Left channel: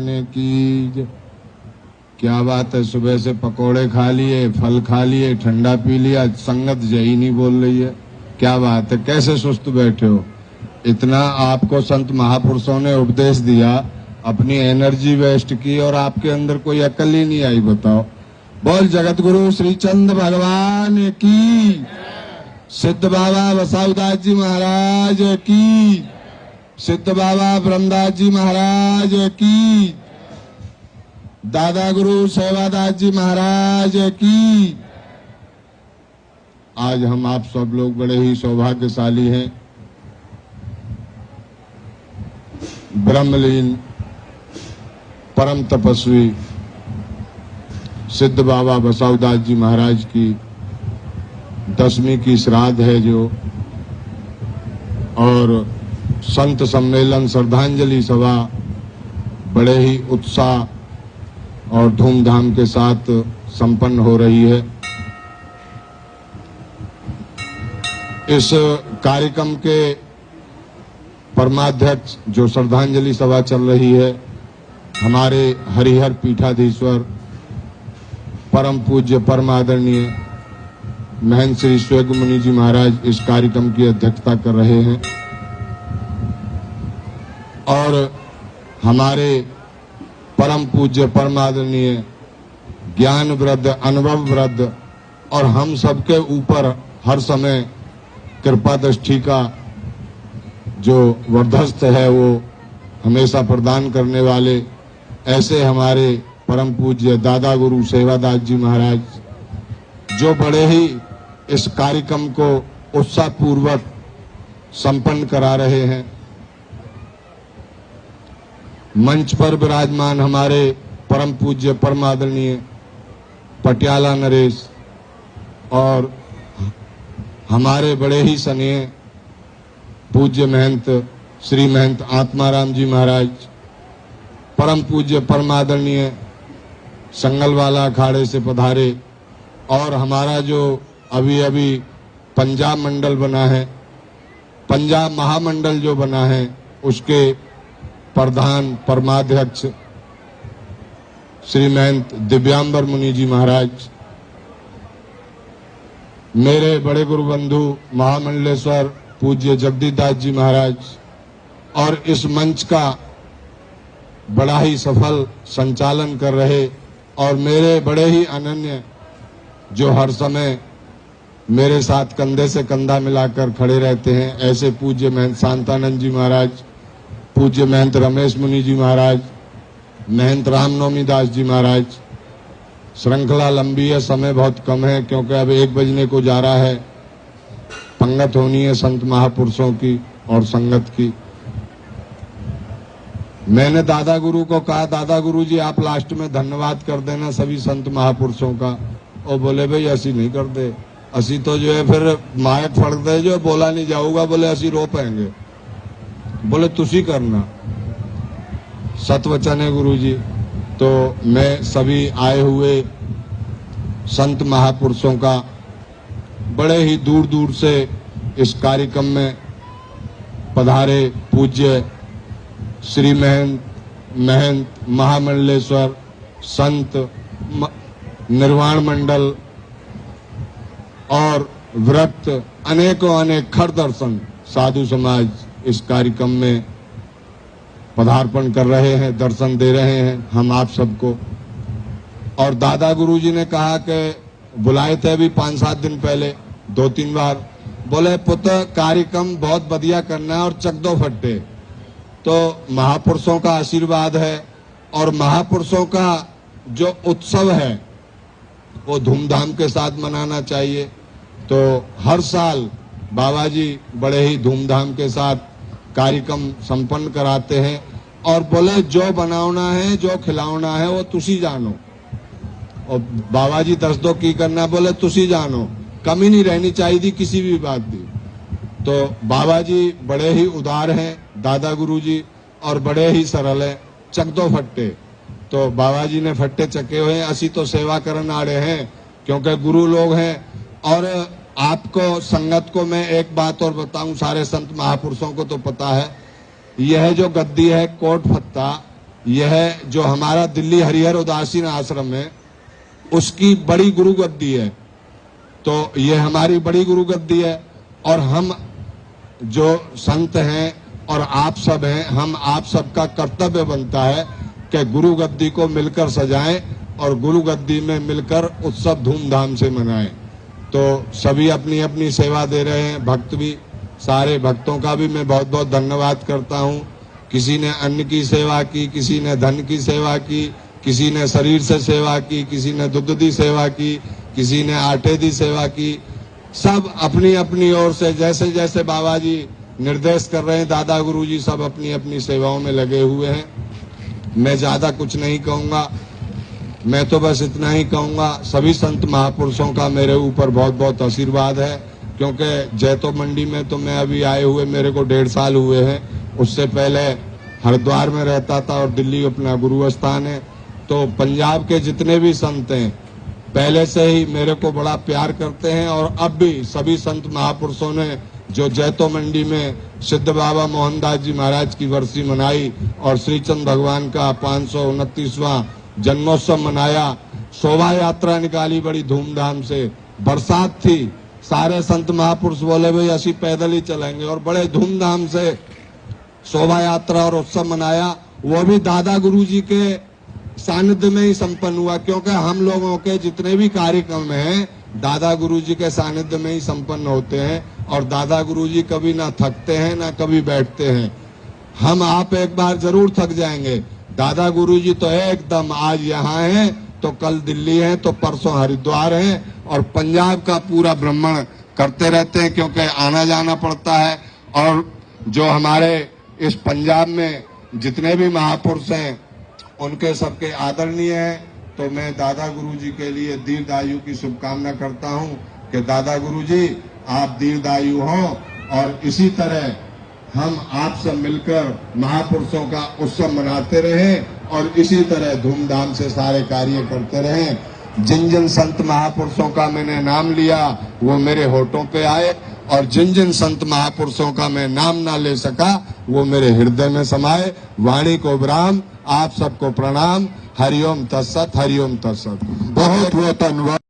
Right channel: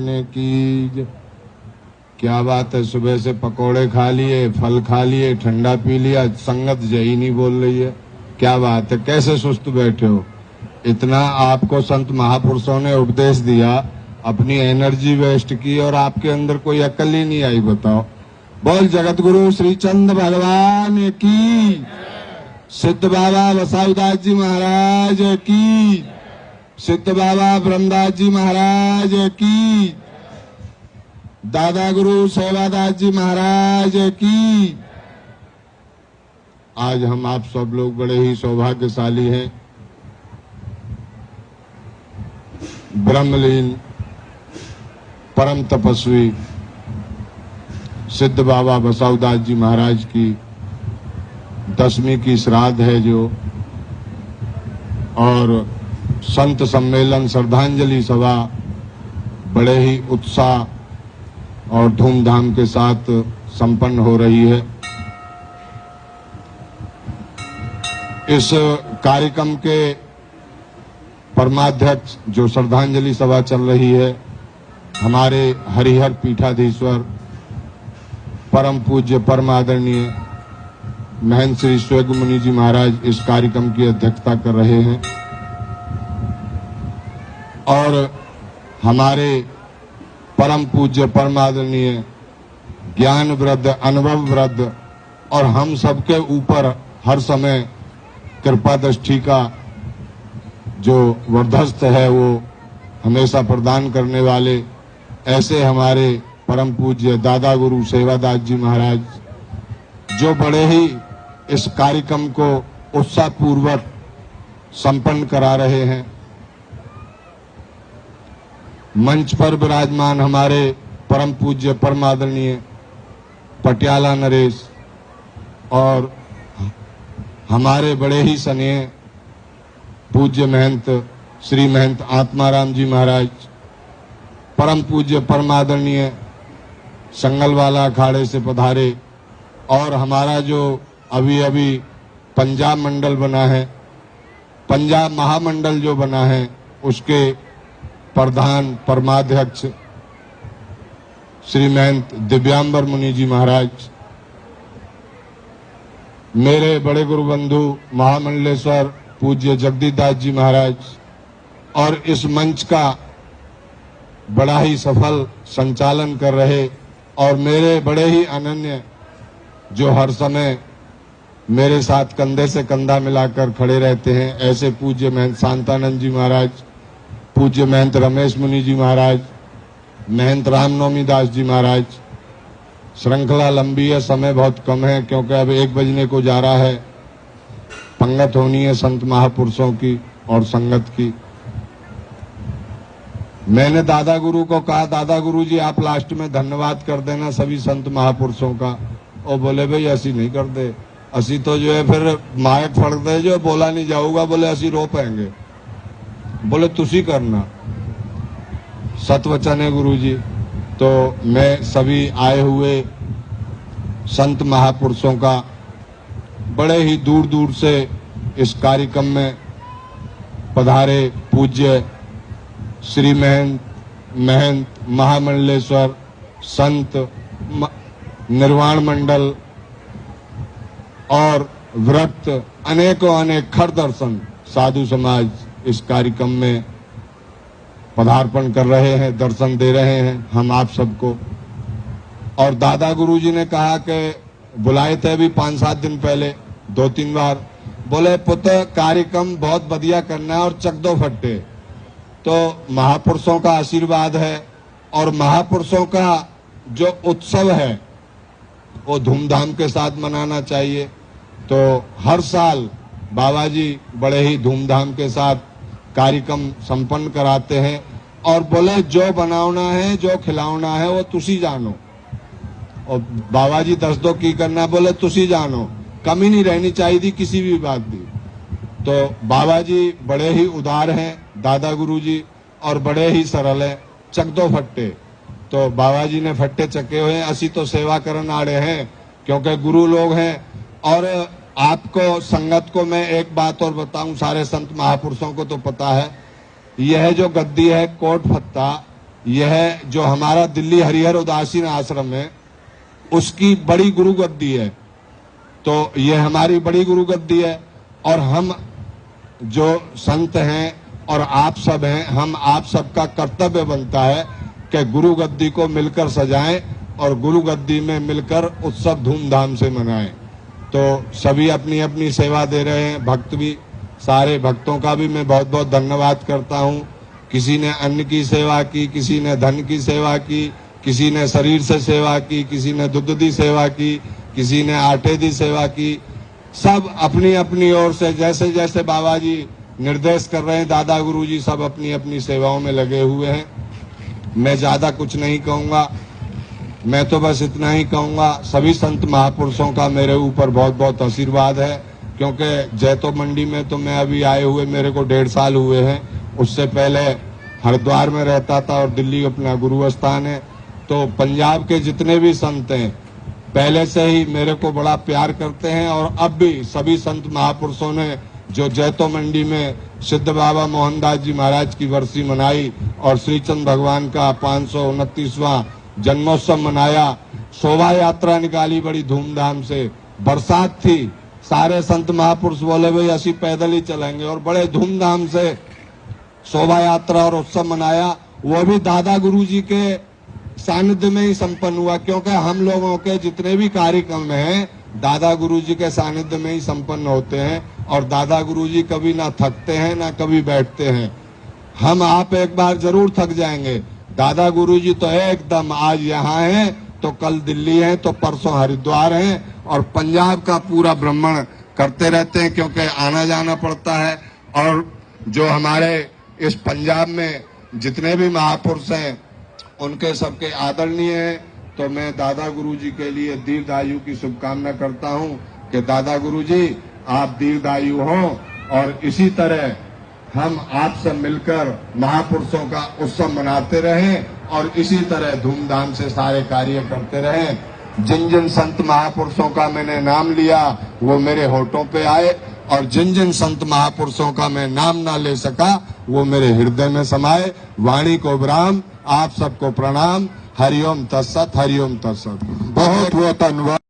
भगवान की। क्या बात है, सुबह से पकोड़े खा लिए, फल खा लिए, ठंडा पी लिया, संगत यही नहीं बोल रही है। क्या बात है, कैसे सुस्त बैठे हो? इतना आपको संत महापुरुषों ने उपदेश दिया, अपनी एनर्जी वेस्ट की और आपके अंदर कोई अकल ही नहीं आई। बताओ। बोल जगत गुरु श्री चंद्र भगवान की, सिद्ध बाबा बसाईदास जी महाराज की, सिद्ध बाबा ब्रह्मदास जी महाराज की, दादा गुरु सेवादास जी महाराज की। आज हम आप सब लोग बड़े ही सौभाग्यशाली हैं। ब्रह्मलीन परम तपस्वी सिद्ध बाबा बसाईदास जी महाराज की 10वीं की श्राद्ध है जो, और संत सम्मेलन श्रद्धांजलि सभा बड़े ही उत्साह और धूमधाम के साथ संपन्न हो रही है। इस कार्यक्रम के परमाध्यक्ष जो श्रद्धांजलि सभा चल रही है, हमारे हरिहर पीठाधीश्वर परम पूज्य परम आदरणीय महंत श्री स्वेग मुनि जी महाराज इस कार्यक्रम की अध्यक्षता कर रहे हैं। और हमारे परम पूज्य परम आदरणीय ज्ञान वृद्ध, अनुभव वृद्ध और हम सबके ऊपर हर समय कृपा दृष्टि का जो वर्धस्थ है वो हमेशा प्रदान करने वाले ऐसे हमारे परम पूज्य दादा गुरु सेवादास जी महाराज, जो बड़े ही इस कार्यक्रम को उत्साहपूर्वक संपन्न करा रहे हैं। मंच पर विराजमान हमारे परम पूज्य परम आदरणीय पटियाला नरेश और हमारे बड़े ही स्नेह पूज्य महंत श्री महंत आत्माराम जी महाराज, परम पूज्य परम आदरणीय संगलवाला अखाड़े से पधारे, और हमारा जो अभी अभी पंजाब मंडल बना है, पंजाब महामंडल जो बना है, उसके प्रधान परमाध्यक्ष श्री महंत दिव्यांबर मुनि जी महाराज, मेरे बड़े गुरु बंधु महामंडलेश्वर पूज्य जगदीशदास जी महाराज, और इस मंच का बड़ा ही सफल संचालन कर रहे और मेरे बड़े ही अनन्य जो हर समय मेरे साथ कंधे से कंधा मिलाकर खड़े रहते हैं, ऐसे पूज्य महंत शांतानंद जी महाराज, पूज्य महंत रमेश मुनि जी महाराज, महंत रामनवमी दास जी महाराज। श्रृंखला लंबी है, समय बहुत कम है क्योंकि अब 1 बजने को जा रहा है। पंगत होनी है संत महापुरुषों की और संगत की। मैंने दादा गुरु को कहा, दादा गुरु जी आप लास्ट में धन्यवाद कर देना सभी संत महापुरुषों का। और बोले भाई ऐसी नहीं करते, असी तो जो है फिर मायक फड़ते जो बोला नहीं जाऊगा, बोले असी रो पाएंगे। बोले तुसी करना, सतवचन है गुरु जी। तो मैं सभी आए हुए संत महापुरुषों का बड़े ही दूर दूर से इस कार्यक्रम में पधारे पूज्य श्री महंत महामंडलेश्वर संत निर्वाण मंडल और व्रत अनेकों अनेक खर दर्शन साधु समाज इस कार्यक्रम में पदार्पण कर रहे हैं, दर्शन दे रहे हैं हम आप सबको। और दादा गुरु जी ने कहा कि बुलाए थे अभी 5-7 दिन पहले 2-3 बार, बोले पुत्र कार्यक्रम बहुत बढ़िया करना है और चक दो फट्टे। तो महापुरुषों का आशीर्वाद है और महापुरुषों का जो उत्सव है वो धूमधाम के साथ मनाना चाहिए। तो हर साल बाबा जी बड़े ही धूमधाम के साथ कार्यक्रम संपन्न कराते हैं और बोले जो बनाना है जो खिलाना है वो तुसी जानो। और बाबा जी दस दो की करना, बोले तुसी जानो, कमी नहीं रहनी चाहिए किसी भी बात की। तो बाबा जी बड़े ही उदार हैं दादा गुरु जी, और बड़े ही सरल है, चक दो फट्टे। तो बाबा जी ने फट्टे चके हुए हैं, असी तो सेवा करन आड़े हैं क्योंकि गुरु लोग हैं। और आपको संगत को मैं एक बात और बताऊं, सारे संत महापुरुषों को तो पता है, यह जो गद्दी है कोट फत्ता, यह जो हमारा दिल्ली हरिहर उदासीन आश्रम है उसकी बड़ी गुरु गद्दी है। तो ये हमारी बड़ी गुरु गद्दी है और हम जो संत हैं और आप सब हैं, हम आप सबका कर्तव्य बनता है कि गुरु गद्दी को मिलकर सजाएं और गुरु गद्दी में मिलकर उत्सव धूमधाम से मनाएं। तो सभी अपनी अपनी सेवा दे रहे हैं, भक्त भी, सारे भक्तों का भी मैं बहुत बहुत धन्यवाद करता हूं। किसी ने अन्न की सेवा की, किसी ने धन की सेवा की, किसी ने शरीर से सेवा की, किसी ने दुग्ध दी सेवा की, किसी ने आटे दी सेवा की। सब अपनी अपनी ओर से जैसे जैसे बाबा जी निर्देश कर रहे हैं, दादा गुरु जी सब अपनी अपनी सेवाओं में लगे हुए हैं। मैं ज्यादा कुछ नहीं कहूंगा, मैं तो बस इतना ही कहूंगा, सभी संत महापुरुषों का मेरे ऊपर बहुत बहुत आशीर्वाद है, क्योंकि जैतो मंडी में तो मैं अभी आए हुए मेरे को 1.5 साल हुए हैं। उससे पहले हरिद्वार में रहता था और दिल्ली अपना गुरु स्थान है। तो पंजाब के जितने भी संत हैं पहले से ही मेरे को बड़ा प्यार करते हैं और अब भी सभी संत महापुरुषों ने जो जैतो मंडी में सिद्ध बाबा मोहनदास जी महाराज की वर्षी मनाई और श्रीचंद भगवान का 529वां जन्मोत्सव मनाया, शोभा यात्रा निकाली बड़ी धूमधाम से, बरसात थी, सारे संत महापुरुष बोले भाई असी पैदल ही चलेंगे और बड़े धूमधाम से शोभा यात्रा और उत्सव मनाया। वो भी दादा गुरु जी के सानिध्य में ही संपन्न हुआ, क्योंकि हम लोगों के जितने भी कार्यक्रम हैं दादा गुरु जी के सानिध्य में ही संपन्न होते हैं और दादा गुरु जी कभी ना थकते हैं ना कभी बैठते हैं। हम आप एक बार जरूर थक जाएंगे, दादा गुरु जी तो एकदम आज यहाँ हैं तो कल दिल्ली हैं तो परसों हरिद्वार हैं और पंजाब का पूरा भ्रमण करते रहते हैं, क्योंकि आना जाना पड़ता है। और जो हमारे इस पंजाब में जितने भी महापुरुष हैं उनके सबके आदरणीय हैं। तो मैं दादा गुरु जी के लिए दीर्घायु की शुभकामना करता हूं कि दादा गुरु जी आप दीर्घायु हो और इसी तरह हम आप सब मिलकर महापुरुषों का उत्सव मनाते रहें और इसी तरह धूमधाम से सारे कार्य करते रहें। जिन जिन संत महापुरुषों का मैंने नाम लिया वो मेरे होठों पे आए और जिन जिन संत महापुरुषों का मैं नाम ना ले सका वो मेरे हृदय में समाये। वाणी को विराम, आप सबको प्रणाम। हरिओम तत्सत, हरिओम तत्सत। बहुत बहुत धन्यवाद।